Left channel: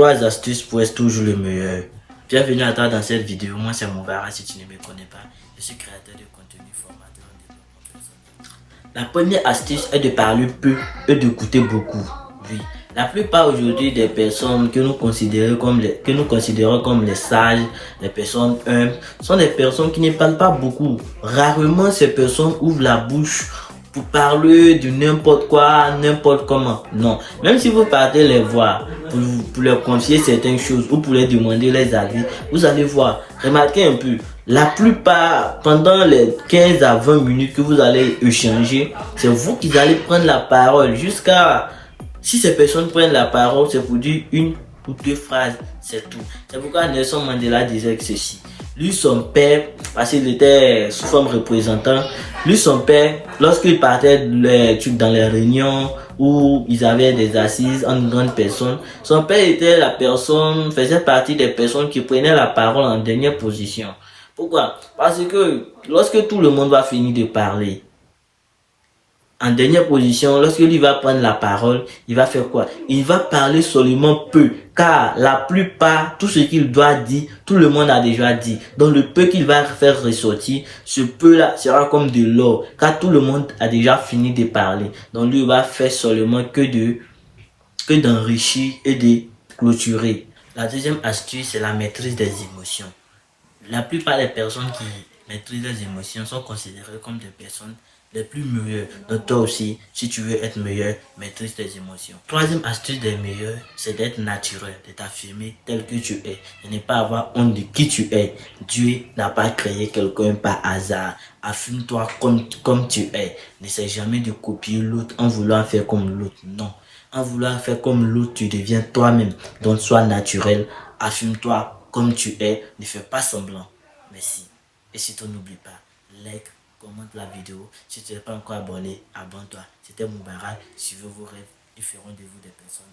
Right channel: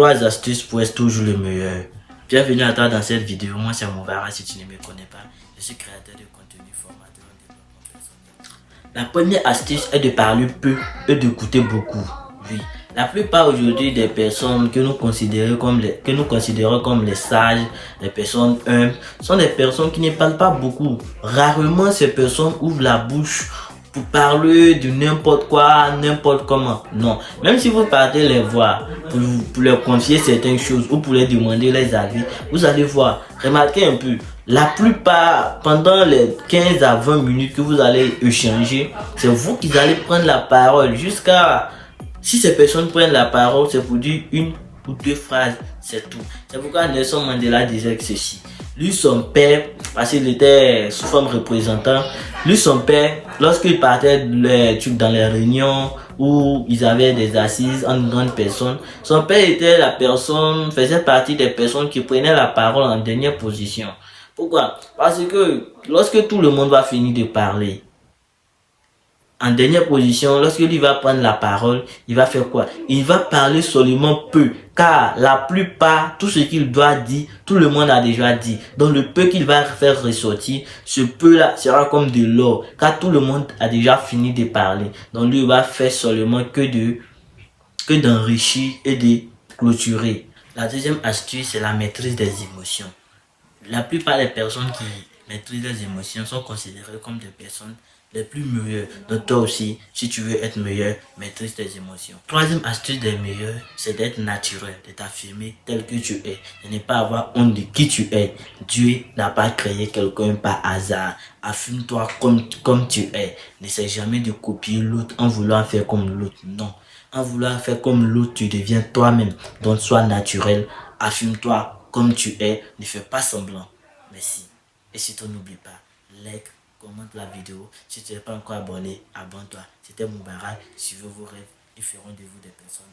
3 astuces pour être toujours le meilleur. Bienvenue à toi dans cette vidéo. Moi c'est Moubarak si tu ne me connais pas. Je suis créateur de contenu, formateur en développement personnel. La première astuce est de parler peu et d'écouter beaucoup. Oui. La plupart aujourd'hui des personnes que nous considérons comme les sages, les personnes humbles, sont des personnes qui ne parlent pas beaucoup. Rarement ces personnes ouvrent la bouche pour parler de n'importe quoi, n'importe comment. Non. Même si vous partez les voir pour leur confier certaines choses ou pour leur demander les avis, vous allez voir. Remarquez un peu. La plupart, pendant les 15 à 20 minutes que vous allez échanger, c'est vous qui allez prendre la parole jusqu'à... Si ces personnes prennent la parole, c'est pour dire une ou deux phrases, c'est tout. C'est pourquoi Nelson Mandela disait que ceci. Lui, son père, parce qu'il était sous forme représentant, lui, son père, lorsqu'il partait dans les réunions où ils avaient des assises en grande personne, son père était la personne, faisait partie des personnes qui prenaient la parole en dernière position. Pourquoi? Parce que lorsque tout le monde va finir de parler, en dernière position, lorsqu'il va prendre la parole, il va faire quoi? Il va parler seulement peu, car la plupart, tout ce qu'il doit dire, tout le monde a déjà dit. Donc le peu qu'il va faire ressortir, ce peu-là sera comme de l'or, car tout le monde a déjà fini de parler. Donc lui, il va faire seulement que d'enrichir et de clôturer. La deuxième astuce, c'est la maîtrise des émotions. La plupart des personnes qui maîtrisent les émotions sont considérées comme des personnes les plus meilleures. Donc toi aussi, si tu veux être meilleur, maîtrise tes émotions. Troisième astuce des meilleurs, c'est d'être naturel, de t'affirmer tel que tu es, de ne pas avoir honte de qui tu es. Dieu n'a pas créé quelqu'un par hasard. Affirme-toi comme tu es. N'essaie jamais de copier l'autre en voulant faire comme l'autre. Non. En voulant faire comme l'autre, tu deviens toi-même. Donc sois naturel, affirme-toi comme tu es, ne fais pas semblant. Merci. Et surtout n'oublie pas, like, commente la vidéo. Si tu n'es pas encore abonné, abonne-toi. C'était Moubarak. Suivez vos rêves et ferons de vous des personnes